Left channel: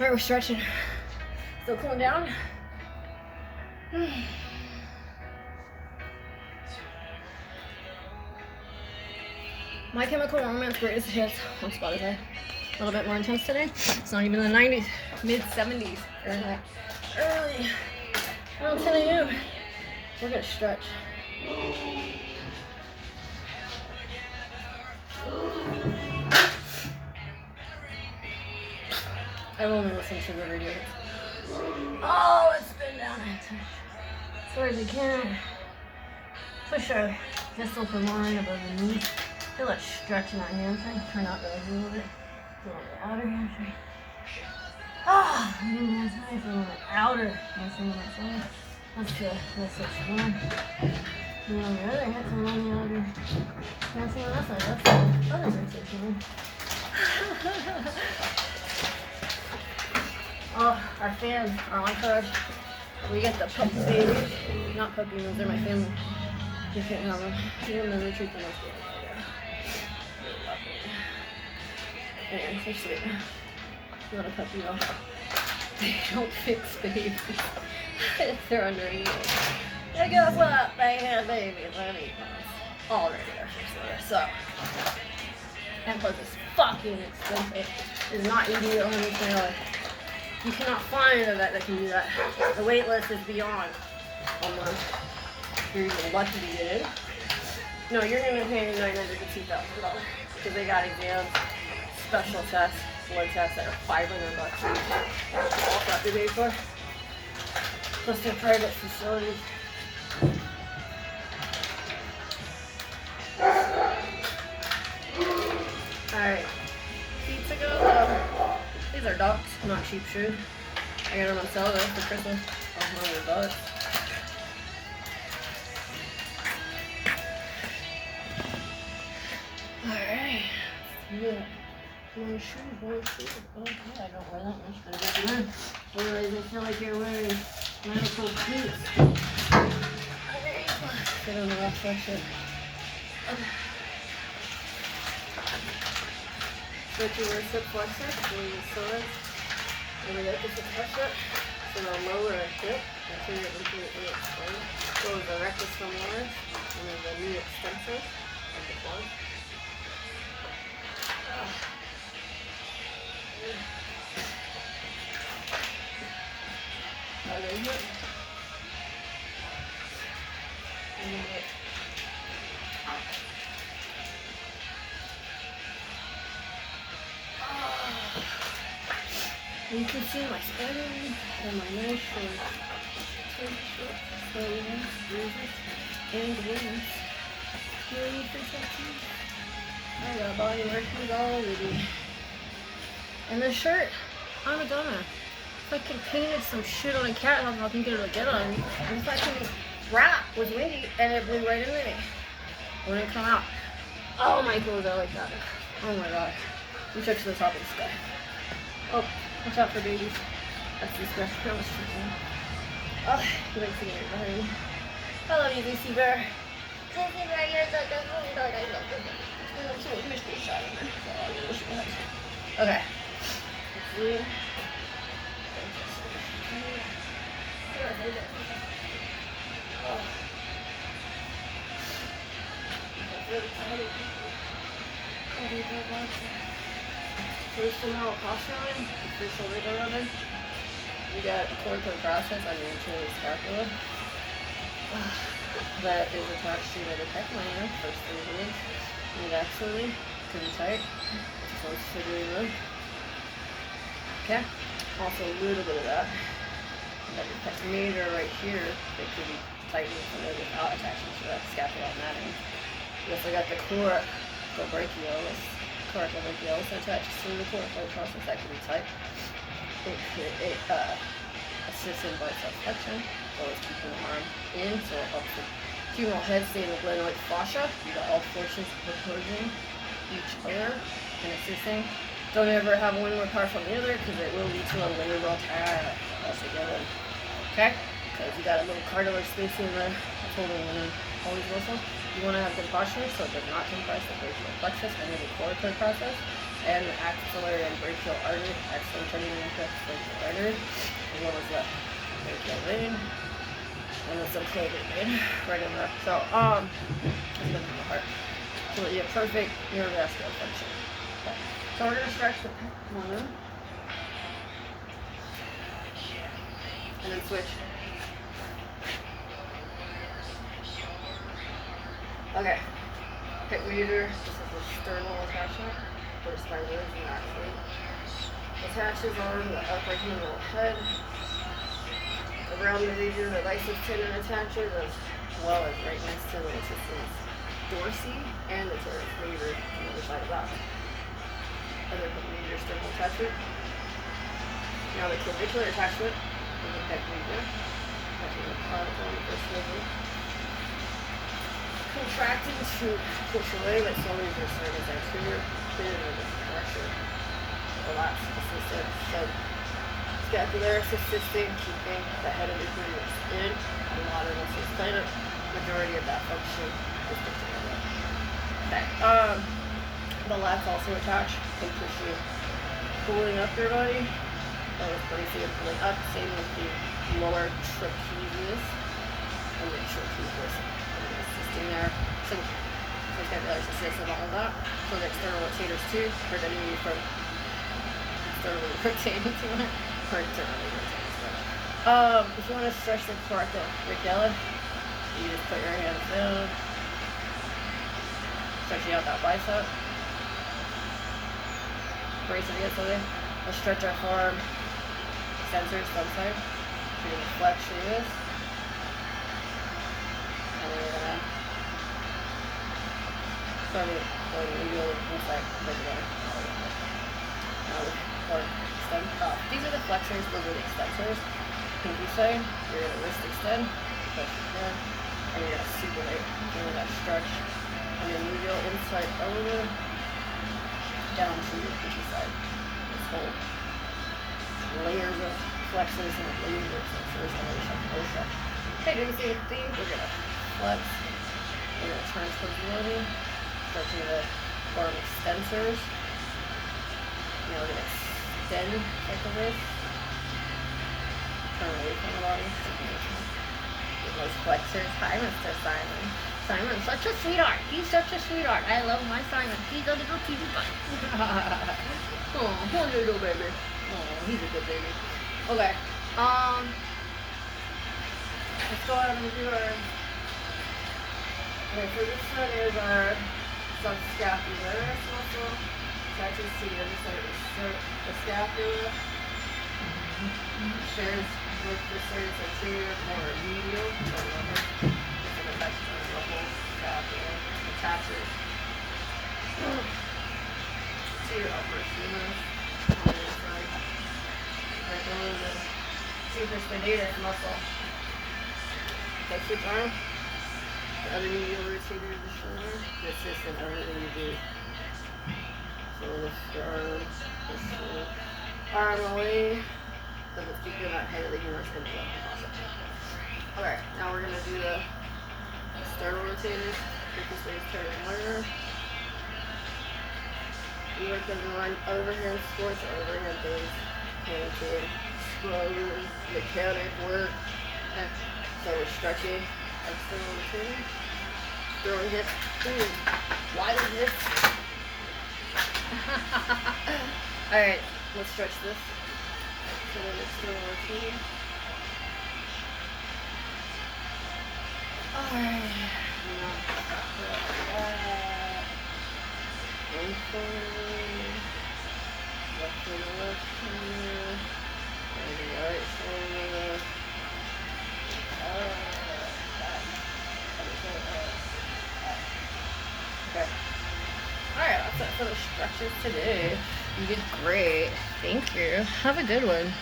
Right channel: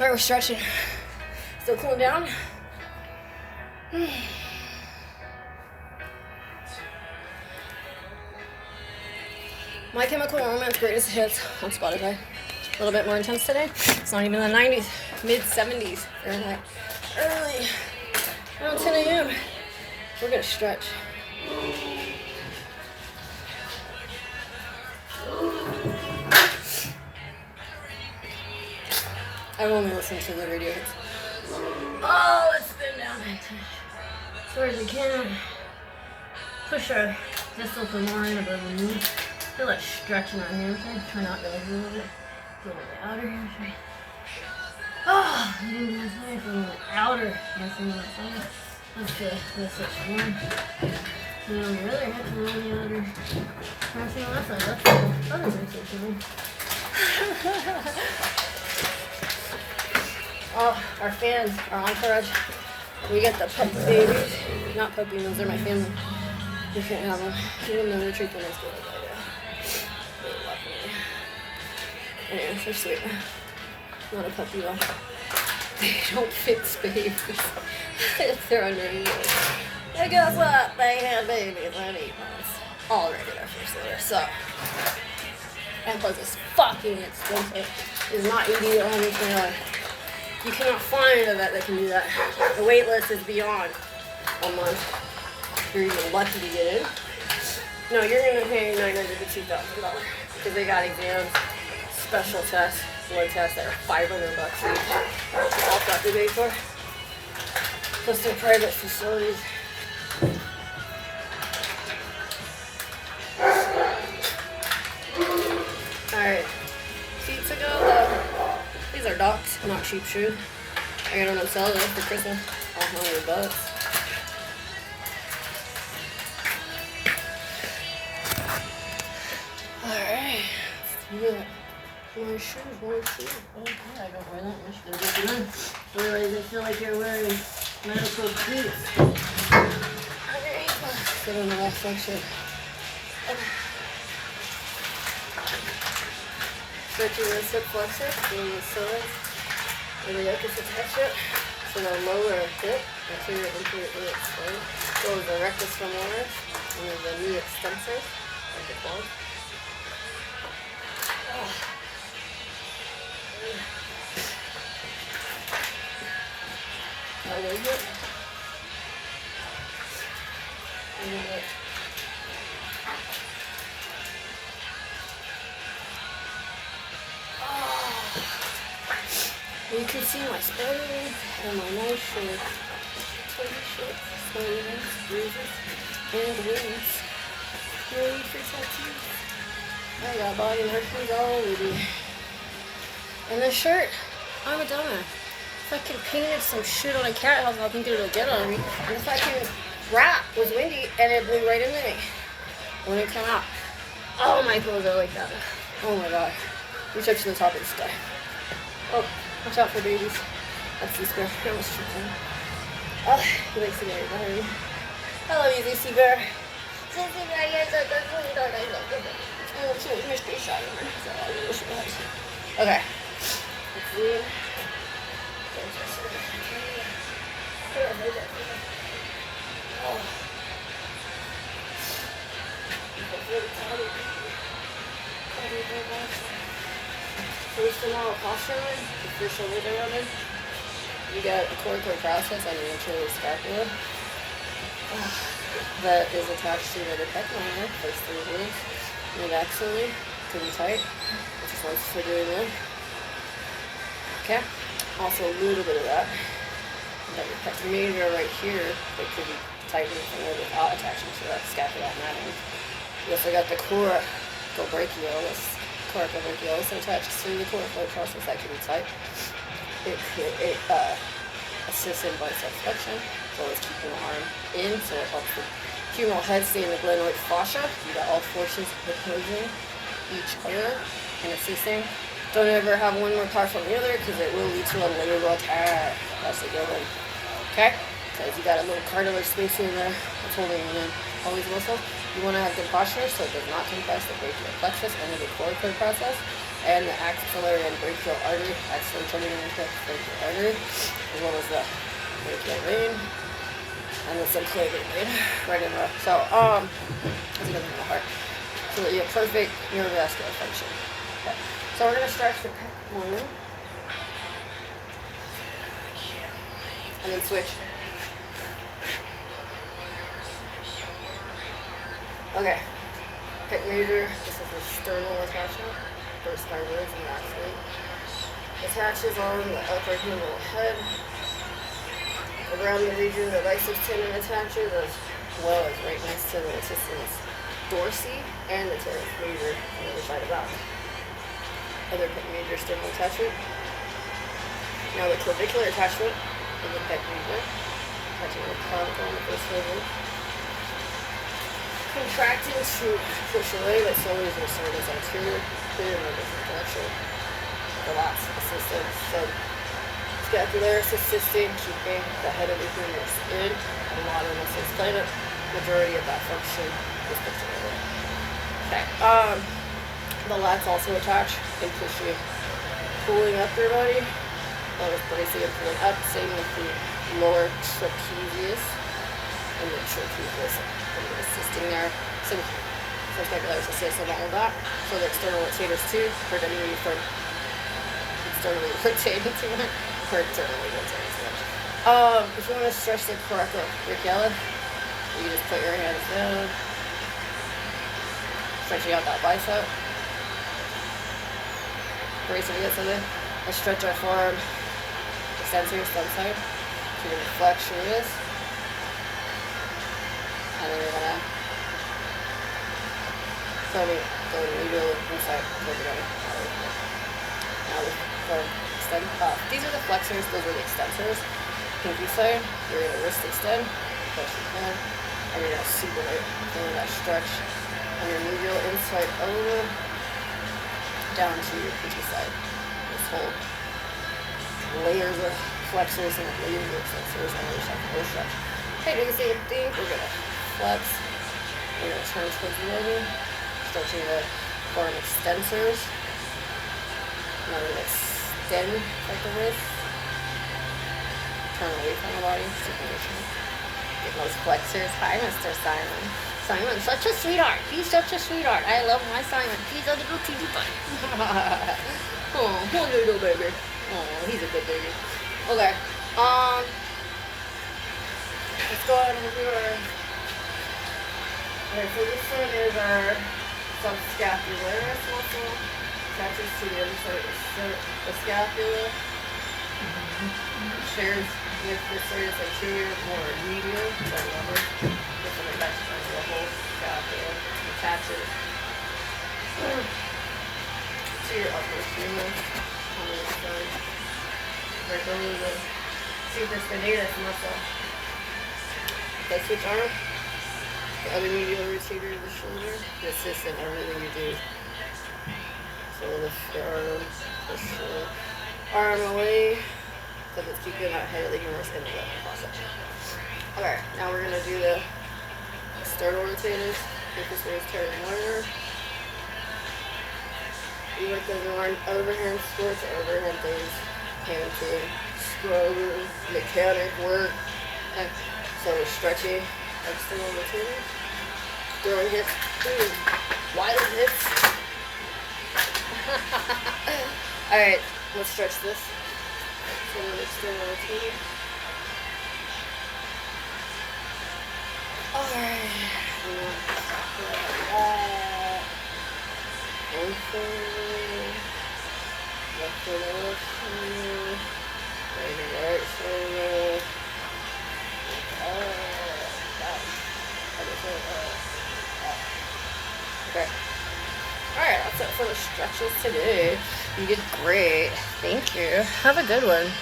Alright, we're stretching. Still cooling down. My Chemical Romance Greatest Hits on Spotify. A little bit more intense today. It's not even the 90s, mid 70s. Early. Around 10 a.m. We're gonna stretch. I will only listen to the radio hits. Oh, let's spin down as far as we can. Push our distal femoral above the knee. Feel that stretch in our hamstring. Turn out really a little bit. Feel the outer hamstring. Oh, I do last night. Feel the outer hamstring on the side. That's good. That's such one. And on the other hip, and on the outer hamstring on that side. That's good. That was exceptional. Oh, our fans, our entourage. We get the puppy babies. Not puppy mills, they're my family. We can't have them. Give them the treat the next day. They love me. Anyway, they're sweet. Not a puppy though. They don't fix babies if they're under a year. And guess what? They have babies and eat already their first litter. So, and plus it's fucking expensive. It's not $80 or $100. You cannot find a vet that can do that. The wait list is beyond a month. You're even lucky to get in. No, you're gonna pay $900 to $2,000 because they got exams, special tests, blood tests that are $500 each. All got to pay for. Plus they're private facilities. Alright, feet to go. These are Docs, not cheap shoes. I got them on sale though for Christmas. $100. Alright, let's do it. More shoes. Okay, I don't wear that much. Gonna get them in. Otherwise, I feel like you're wearing medical boots. Sit on the last section. Stretching the hip flexor, doing the psoas, and the yoke is attached it. So the lower hip, anterior intermediate spine, goes the rectus femoris, and then the knee extensor of the quad. You can see my spine and my nice swellings, bruises, and wounds. No need for tattoos. I got body markings already. And this shirt, I'm a dumbass. If I could have painted some shit on a cat house, I think it would get on me. And if I could wrap was windy and it blew right into me when it come out. Oh, my clothes are like that. Oh my god. We touched the top of the sky. Oh, watch out for babies. That's this girl. I almost tripped him. Oh, he likes to get it behind me. I love you, Lucy Bear. Lucy Bear, you're so good. I love you. It's a mystery shot. Okay. Let's see. Oh. First femoral posture line, the first shoulder around. You got a coracoid process on your anterior scapula that is attached to the pectoral first 3 ribs. Mid axillary, pretty tight. It just wants for doing that. Okay. Also a little bit of that. You got your pectoral major right here that could be tightening from there without attaching to that scapula anatomy. You also got the coracobrachialis attached to the coracoid process that can be tight. It assists in bicep flexion, so it's keeping the arm in, so it helps the femoral head stay in the glenoid fascia. You got all forces opposing each other and assisting. Don't ever have one more powerful than the other because it will lead to a lateral attack. That's a good one. Okay? Because you got a little cartilage spacing there that's holding in all these muscles. You want to have good posture so it does not compress the brachial plexus under the coracoid process. and the axillary and brachial artery, excellent training into brachial artery, as well as the brachial vein and the subclavian vein, right in there. So, that's another thing in the heart. So you have perfect neurovascular function. Okay. So we're gonna stretch the pec one, and then switch. Okay. Pec major. This is the sternal attachment. There's fibers and actually attaches on the upper humeral head, around the region the biceps tendon attaches, as well as right next to the latissimus dorsi and the teres major on the other side of that. Other pec major sternal attachment. Now the clavicular attachment of the pec major, attaching the clavicle on the first rib. Contracting to push away, but slowly as the sinus anterior, clear in a different direction. Relax, assistant, subscapularis assisting, keeping the head of the humerus in, and a lot of muscles play the majority of that function is pushing away. Okay. The lats also attach and push you, pulling up your body, or bracing and pulling up, same with the lower trapezius and the trapezius. Assisting there, subscapularis assist and all of that. So the external rotators too, prevent you from externally rotating too much, or internally rotating too much. If you want to stretch the coracoid brachialis, you just put your hands down, stretching out that bicep, bracing against something, and stretch our forearm extensor, stem side, so you're gonna flex your wrist. And then we're gonna go medial inside toward the body. Now for extend. These are the flexors, those are the extensors. Pinky side, you're gonna wrist extend, push your hand, and you're gonna supinate. Feeling that stretch. And then medial inside over down to your pinky side. This whole layers of flexors and layers of extensors and those stretch. Okay, do the same thing. We're gonna flex. You're going to turn towards the elbow, stretching the forearm extensors. Now we're going to extend like the wrist. Turn away from the body, supination. Get those flexors. Hi, Mr. Simon. Simon's such a sweetheart. He's such a sweetheart. I love my Simon. He's a little teeny tiny. Oh, poor little baby. Oh, he's a good baby. Okay. Let's go ahead and do our. Okay, so this one is our subscapularis muscle. Attaches to the other side of the scapula. Shares with the serratus anterior, more medial, or lower. Different attachments of the whole scapula. Attaches to your upper humerus on this side. Right below the supraspinatus muscle. Okay, switch arm. The other medial rotator of the shoulder. The assistant, everything you do. So lift your arm, push your arm away. So let's keep doing that head of the humerus in the left facet. Okay, now we're gonna do the sternal rotators. Focus raise, turn, learner. You work those overhand squats, overhand things, hand to scroll, mechanic work. Okay. So we're stretching. External rotating, throwing hips, wide hips. Alright, let's stretch this. So then external rotating. Alright. Left shoulder. Right shoulder. Okay. Alright, that's it for the stretches today. You did great. Thank you. Have a good one.